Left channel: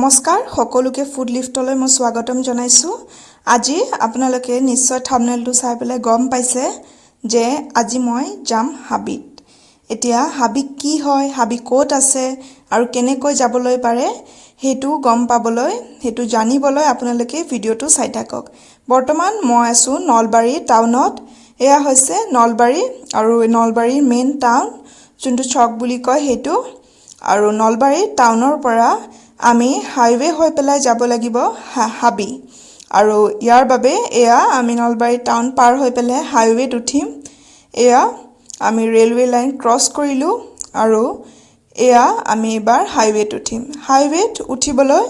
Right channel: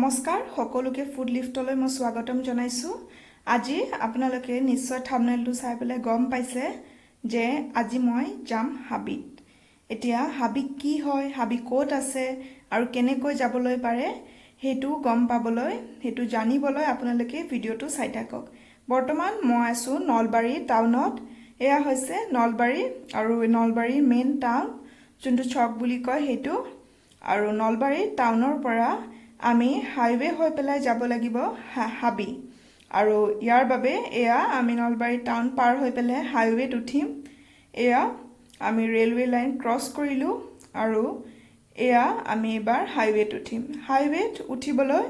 নমস্কাৰ সকলোকে ফুড লিফটলৈ মই স্বাগতম জনাইছো। আজি আপোনালোকে নিশ্চয় থাম্বনেইলটো চাই পেলাই গম পাইছে যে আজি মই যাম হাবিত। এতিয়া হাবি কি হয়, হাবি ক'ত আছে আৰু কেনেকৈ যাবলৈ পাৰে হেতু গম পাবলৈ, হেতু জানিবলৈ আপোনালোকে ভিডিওটো চাই থাকক। বৰ্তমান মই আছো নলবাৰী টাউনত। এয়া হৈছে নলবাৰী আৰু নলবাৰীৰ মেইন টাউন যোনটো চক বুলি কয় হেতু। আৰু নলবাৰী টাউনৰ পৰা আমি হাইৱে হৈ পেলাই যাব লাগিব হাবি। আৰু ইয়াৰ বাবে এয়া আমি নলবাৰী টাউন পাৰ হৈ পেলাই হাইৱেত উঠিম। এয়া আমি ৰেলৱে লাইন ক্ৰছ কৰিলো আৰু এয়া আমি এবাৰ হাইৱেত উঠিম। হাইৱেত উঠিবলৈ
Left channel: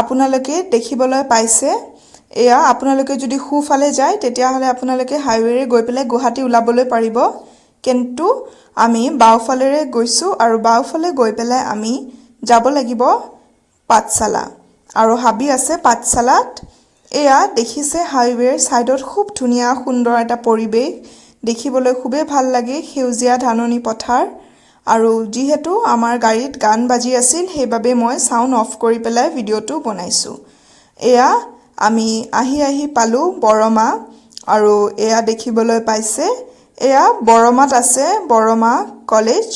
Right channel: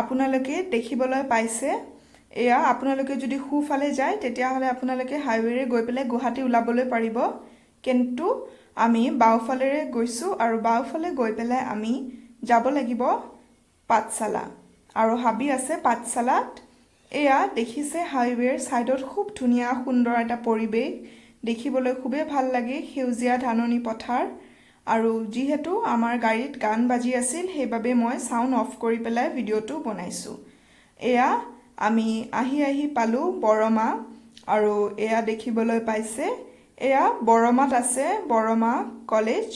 আপোনালোকে দেখিবলৈ পাইছে এয়া আপোনালোকে যদি খুফালে যায় তেতিয়াহলে আপোনালোকে হাইৱেৰে গৈ পেলাই গুৱাহাটী ওলাবলৈ পাৰিব। কিন্তু আমি বাওফালেৰে গৈছো আৰু বাওফালে গৈ পেলাই আমি যাব লাগিব পাঠশালা আৰু হাবি আছে পাঠশালাত। এয়া দেখিছে হাইৱেৰ সাইডত খুব ধুনীয়া সুন্দৰ এটা পৰিৱেশ দেখিবলৈ খুবেই ভাল লাগে, সেউজীয়া ধাননি পথাৰ। আৰু যিহেতু আমাৰ গাড়ীত গান বাজি আছিল সেইবাবে মই সাউন্ড অফ কৰি পেলাই ভিডিওটো বনাইছো। এয়া আমি আহি পালো বৰমা আৰু এয়া দেখিবলৈ পাইছে এয়া বৰমাত আছে বৰমা কলেজ।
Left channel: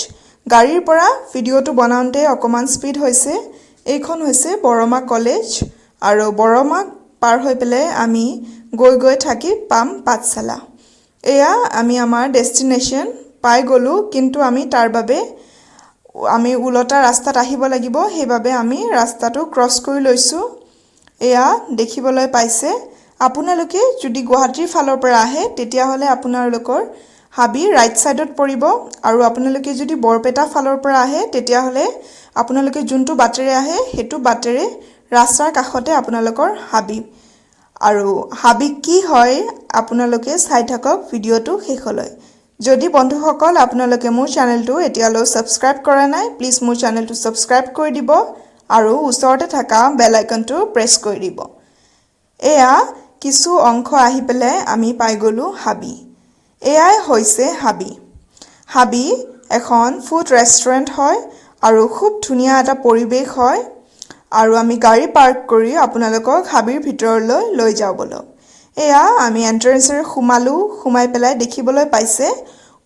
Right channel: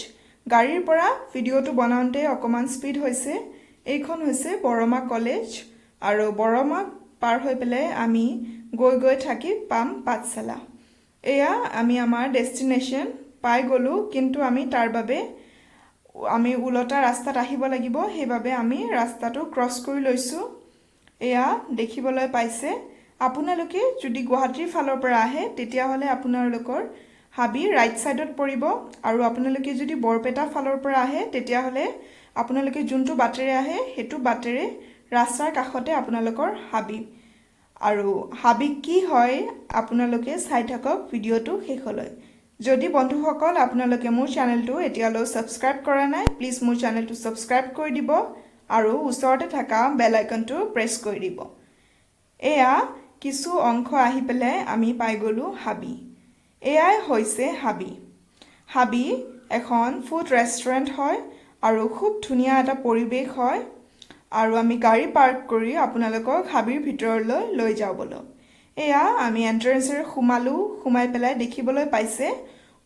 গাড়ীৰ পৰা ভিডিওটো বনাওঁতে অকমান স্পীড হৈছে। এইখন হৈছে বৰমা কলেজ আৰু বৰমা পাৰ হৈ পেলাই আমি গৈ থাকি পাম পাঠশালা। এয়া আমি আমাৰ ডেষ্টিনেশ্যন পাই গলো, কিন্তু আমি তাৰ বাবে আমি উলটা ৰাস্তাত আহিব লাগিব, সেইবাবে আমি ৰাস্তাটো ক্ৰছ কৰি লৈছো। এয়া দেখিবলৈ পাইছে আপোনালোকে যদি গুৱাহাটীৰ ফালৰ পৰা আহে তেতিয়াহলে আপোনালোকৰ হাবি ৰাইট সাইডত পৰিব আৰু আপোনালোকে যদি বৰপেটা ফালৰ পৰা আহে তেতিয়াহলে আপোনালোকে যোনটো বাটেৰে আহে হেতু বাটেৰে ৰাস্তাৰ কাষতে আপোনালোকৰ হাবি। আৰু হাবি কি হয় আপোনালোকে চাই থাকক ভিডিওটো শেষলৈ। যদি বন্ধুসকল আপোনালোকে মোৰ চেনেলটো এতিয়ালৈ সাবস্ক্ৰাইব কৰা নাই, প্লিজ মোৰ চেনেলটো সাবস্ক্ৰাইব কৰি দিব আৰু ওচৰতে থকা বেল আইকনটো প্ৰেছ কৰি দিব। এয়া কিছু অংশ আহি পেলাই আমি পাই গলো হাবি। এয়াই হৈছে হাবি। হাবি এখন ফুড ৰেষ্টুৰেণ্ট হয় আৰু খুব ধুনীয়া এটা পৰিৱেশ হয়। আৰু আমি গাড়ী পাৰ্ক কৰি আপোনালোকক হাবিৰ ভিতৰলৈ লৈ যাওঁ বলক। এয়া আমি এন্ট্ৰেন্সৰে সোমাই পেলাই দেখিবলৈ পাইছে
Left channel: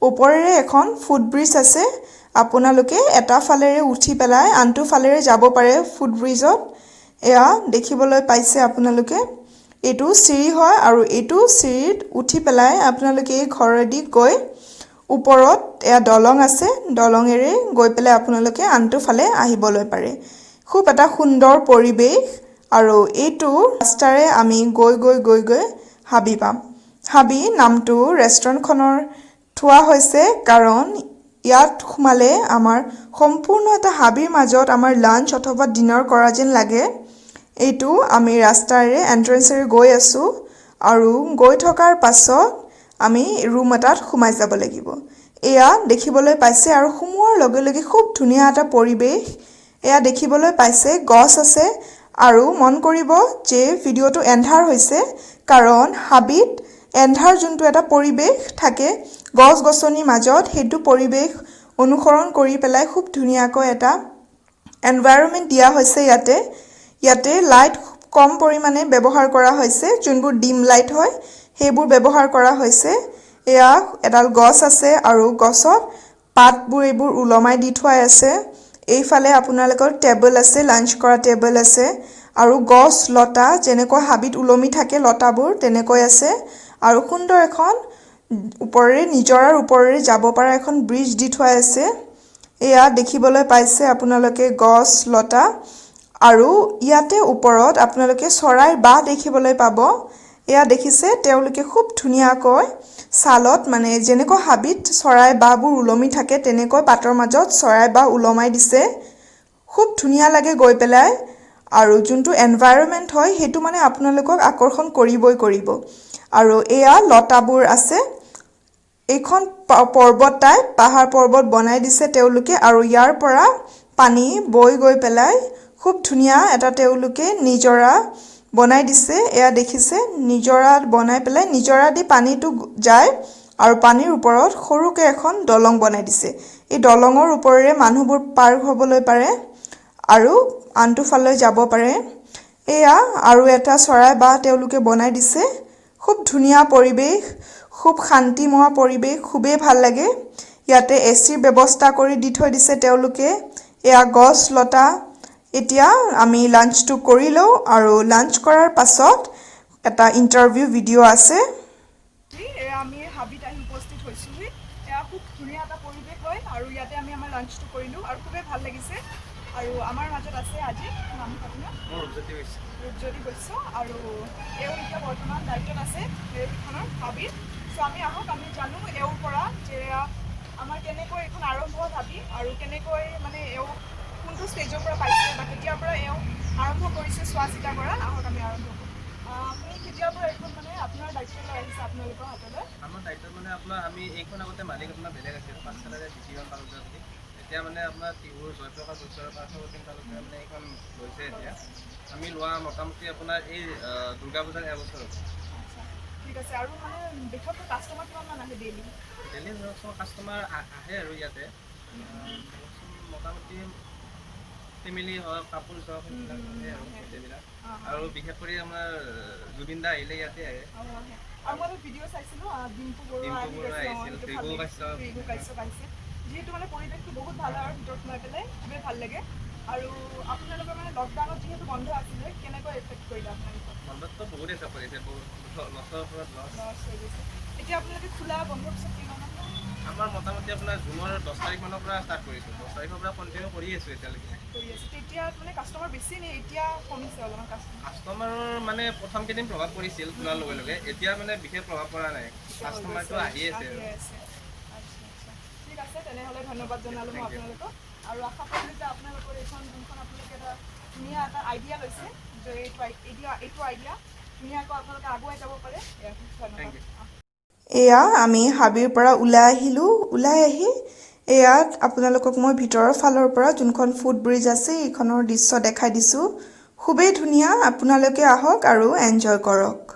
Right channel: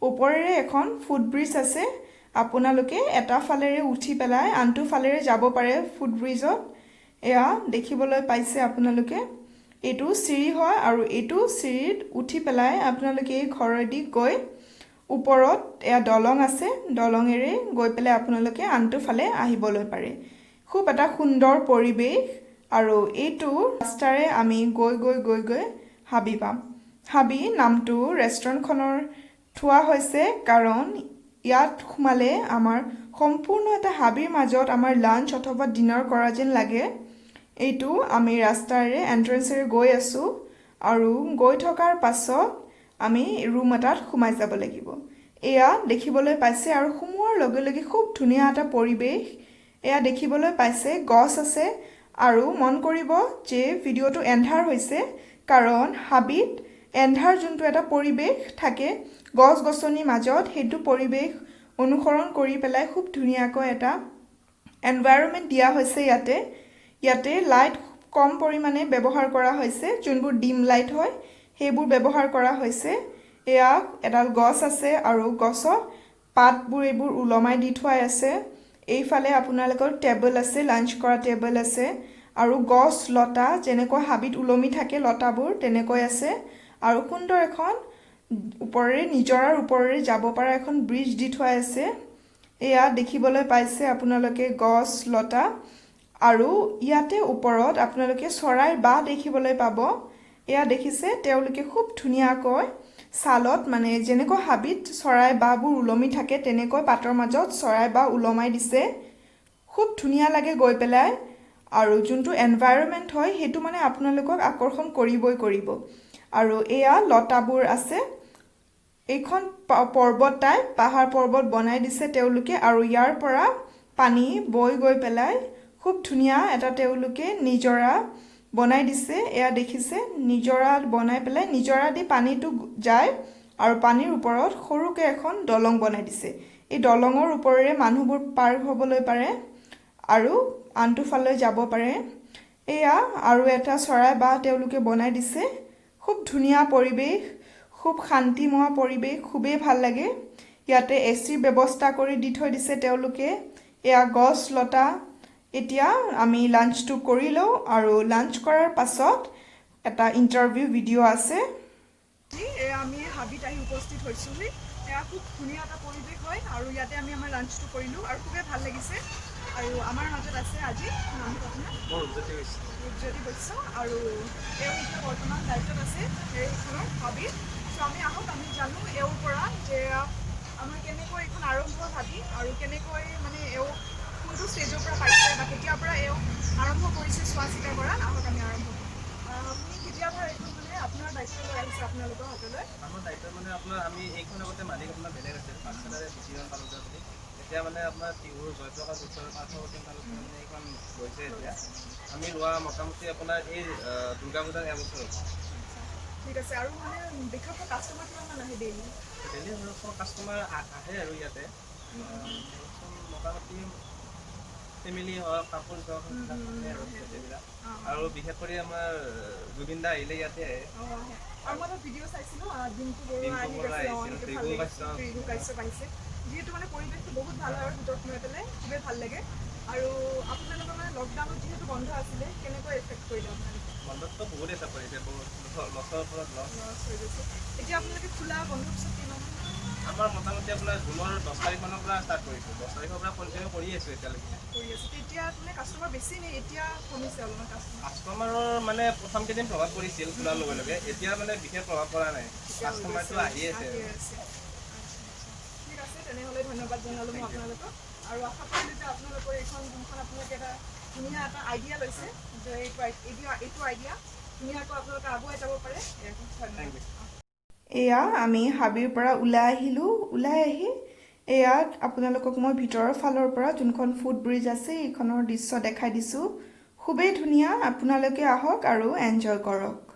ওপৰেৰে এখন ফুট ব্ৰিজ আছে। আপোনালোকে এটা ফালেৰে উঠি পেলাই আনটো ফালেৰে যাব পাৰে ফুট ব্ৰিজত। এয়া দেখিবলৈ পাইছে আপোনালোকে এইটো চিৰি হয় আৰু এইটো চিৰিত উঠি পেলাই আপোনালোকে এই ঘৰেদি গৈ ওপৰত এয়া দলং আছে, দলঙেৰে গৈ পেলাই আপোনালোকে আনটো ফালে আহিবলৈ পাৰে। খুব এটা সুন্দৰ পৰিৱেশ আৰু এইটো ৰাস্তাৰে আমি গৈ হাবি পাম। হাবি নামটো ৰেষ্টুৰেণ্টখনৰ থোৱা হৈছে কাৰণ ইয়াত সোমালে আমাৰ সম্পূৰ্ণ এটা হাবিৰ মাজত আমাৰ লাঞ্চ অথবা ডিনাৰ কৰা যেন লাগে। এইটো আমি ৰাস্তাৰে এন্ট্ৰেন্সৰে গৈ আছো আৰু গৈ থকাৰ পাছত আমি ৰুম এটাত সোমাই যাব লাগিব। এয়া দেখিবলৈ পাইছে আৰু সোমোৱাৰ লগে লগে খুব ধুনীয়া এটা পৰিৱেশ। এয়া দেখিবলৈ পাইছে গছ আছে আৰু মন কৰিব যে ভিডিওটো এন্ধাৰ হৈছে কাৰণ হাবিত এন্ধাৰ যোনটো এটা পৰিৱেশ থাকে গছ-গছনিৰ মাজত হেতু পৰিৱেশ অনুসৰণ কৰি পেলাই খুব ধুনীয়াকৈ এটা এনভাইৰনমেন্ট দিয়া হৈছে। ইয়াতে লাইট কম পৰিমাণে ব্যৱহাৰ কৰা হৈছে, যোনবোৰ ডিম লাইট হয় সেইবোৰ ব্যৱহাৰ কৰা হৈছে। এয়া এডাল গছ আছে আৰু গছত পাতবোৰ এইবোৰ উলমাই দি থোৱা আছে। এইফালে আপোনালোকৰ টেবল আছে, লাঞ্চ কৰা টেবল আছে আৰু গছ লতা যেনেকৈ হাবিত উলমি থাকে লতাবোৰ তেনেকৈ আছে আৰু সুন্দৰ এখন নিজৰাৰ ওপৰেৰে যাব পৰা এখন ব্ৰিজ দি থোৱা আছে। এয়া দেখিবলৈ পাইছে আপোনালোকে গছ লতা আৰু ইয়াতে ওপৰত আপোনালোকে চৰাইৰ বাহ দেখিবলৈ পাব। এয়া দেখিছে তেওঁলোকে খুব ধুনীয়াকৈ ছালত মানে যেনেকৈ হাবিত চৰাই বাহবোৰ ওলমি থাকে তেনেকৈ পাতৰ মাজত চৰাই বাহ ওলমাই দিছে। খুব ধুনীয়া লাগে গৈ পেলাই আৰু যোনটো এনভাইৰনমেন্ট হয় হেতু মানে আপোনালোকক আকৰ্ষণ কৰিব। আৰু এয়া লতাবোৰ আছে। এইখন পৰ্বত টাইপ পাহাৰ পৰ্বত বনাই দিছে তেওঁলোকে আৰু ইয়াৰ পৰা পানী বৈ গৈ পেলাই খুব ধুনীয়া এটা তেওঁলোকে নিজৰা বনাই দিছে। এয়া দেখিছে নিজৰা বনাই পেলাই নিজৰা দি পানীটো যায় আৰু পানীৰ ওপৰত সৰুকে এখন দলং বনাই দিছে। এই দলঙৰ ওপৰেৰে মানুহবোৰ পাৰ হ'বলৈ পাৰে আৰু আনটো ফালে যাব পাৰে এয়া আৰু এটা চৰাই বা তেওঁলোকে বনাই দিছে খুব ধুনীয়া পৰিৱেশ খুব শান্তিময় পৰিৱেশ খুবেই ভাল লাগে ইয়াতে এচিৰ ব্যৱস্থা কৰি দি থৈ দিছে তেওঁলোকে এয়া গছ লতা এতিয়া আমি লাঞ্চটো কৰি লওঁ আৰু লাঞ্চ কৰাৰ পাছত এটা ইন্টাৰভিউ ভিডিঅ' আছে এয়া আমি হাবিত আহি উপস্থিত হৈছোহি এয়া খুব ধুনীয়া এটা পৰিৱেশ হয় আৰু ইয়াতে আমি আমাৰ লাঞ্চটো কৰিলোঁ আৰু খুবেই ভাল লাগিছে আৰু আমাৰ মাজত আছে আজি নামটো আপোনাৰ ৰূপজ্যোতি বৈশ্য আৰু এওঁ এতিয়া বৰ্তমান দায়িত্বত আছে এইখনৰ হাবিত চ' আমি আহক আমি জানো এওঁৰ পৰা যে আমাৰ কেনেকৈ এইখন আৰম্ভ হাবি আৰু কেনেকৈ মানে এওঁ কোনটো ষ্টেজৰ পৰা পাইছে বা কেতিয়াৰ পৰা এওঁ আৰম্ভ কৰিছে চোৱা চিতা কৰা আহক আমি আৰম্ভ কৰোঁ আপুনি কেতিয়াৰ পৰা এইখন মানে আপোনাৰ দায়িত্ব লৈ আহিছে আপোনালোকৰ হাতলৈ আমাৰ দায়িত্ব মানে আপোনাৰ আমি এইখন আগতে মালিক আপোনাৰ বেলেগ আছিল পাঠশালাৰে বিকিৰণ তালুকদাৰ বুলি এতিয়া মানে আপোনাৰ টিহুৰ জয়প্ৰকাশ বৈশ্যৰ পাৰ্থপ্ৰতিম তালুকদাৰে মানে এইখন লৈছে এতিয়া আমি লোৱা মোটামুটি আপোনাৰ এই দুৰ্গা পূজাৰ এবছৰ হ'ব ঠিক আছে আৰু মানে বিশেষকৈ কাষ্টমাৰ কিমান আহে ডেইলি ধৰকচোন কাষ্টমাৰ আহে আৰু ইয়াতে ধৰকচোন মোটামুটি ফেমিলি হওক কাপোৰ হওক সেইবিলাক আহে আৰু গোটেইবিলাক আৰু বিশেষ কৰি আমাৰ জুবিন দা আহিলে ইয়াতে আহে আৰু মই ভিডিঅ' চাইছিলোঁ ডিম্পু বৰুৱা আহিছিল ৰিগু কাশ্যপ আহিছে যিহেতু মানে পৰিৱেশটো বহুত ভাল হয় ভিতৰত সোমাই পেলাই খুবেই ভাল লাগে আৰু আপোনালোকৰ মানে লকডাউনত যিহেতু বন্ধ আছিলে কেনেকৈ এফেক্ট কৰিলে আপোনালোকক বন্ধততো বহুত এফেক্ট কৰিছে লছৰ ওপৰত লছ হৈ গৈছে এতিয়া আপোনালোকে খোলা বন্ধ পিছত কিমান আমাৰ মোটামুটি আপোনাৰ জুনৰ 10 তাৰিখমানৰ পৰা ষ্টাৰ্ট কৰিছোঁ 10 তাৰিখৰ পৰা কণ্টিনিউ কৰি আছোঁ এতিয়ালৈকে কৰি আছোঁ তেতিয়া মানে কাষ্টমাৰ বেছি নে এতিয়া কমিছে অলপমান কাষ্টমাৰৰ মানে প্ৰথম কেইদিন প্ৰভাৱ পৰিছিল খোলাৰ লগে লগে এতিয়া মানে বিশেষ প্ৰভাৱ পৰা নাই কাষ্টমাৰটো আহি আছে ঠিক আছে তেনেহ'লে ধন্যবাদ জনালোঁ মই আপোনালোকক আৰু আশা কৰিলোঁ যে আপোনালোকৰ এইখন যোনখন আপোনালোকে এটা ধুনীয়া এটা আইডিয়া লৈছে যে এইটো আইডিয়া ধুনীয়াকৈ আপোনালোকে আগুৱাই যাব পাৰে থেংক ইউ এয়া আমি হাবিৰ পৰা ওলাই আহিলোঁ ওলাই আহি এয়া আপোনালোকক মই ভিতৰৰ ফালৰ পৰা যোনখন ফুট ব্ৰিজ আছে এইখনৰ দৃশ্য দেখাই দিছোঁ খুবেই ধুনীয়া আপোনালোকে আহক আৰু এনজয় কৰক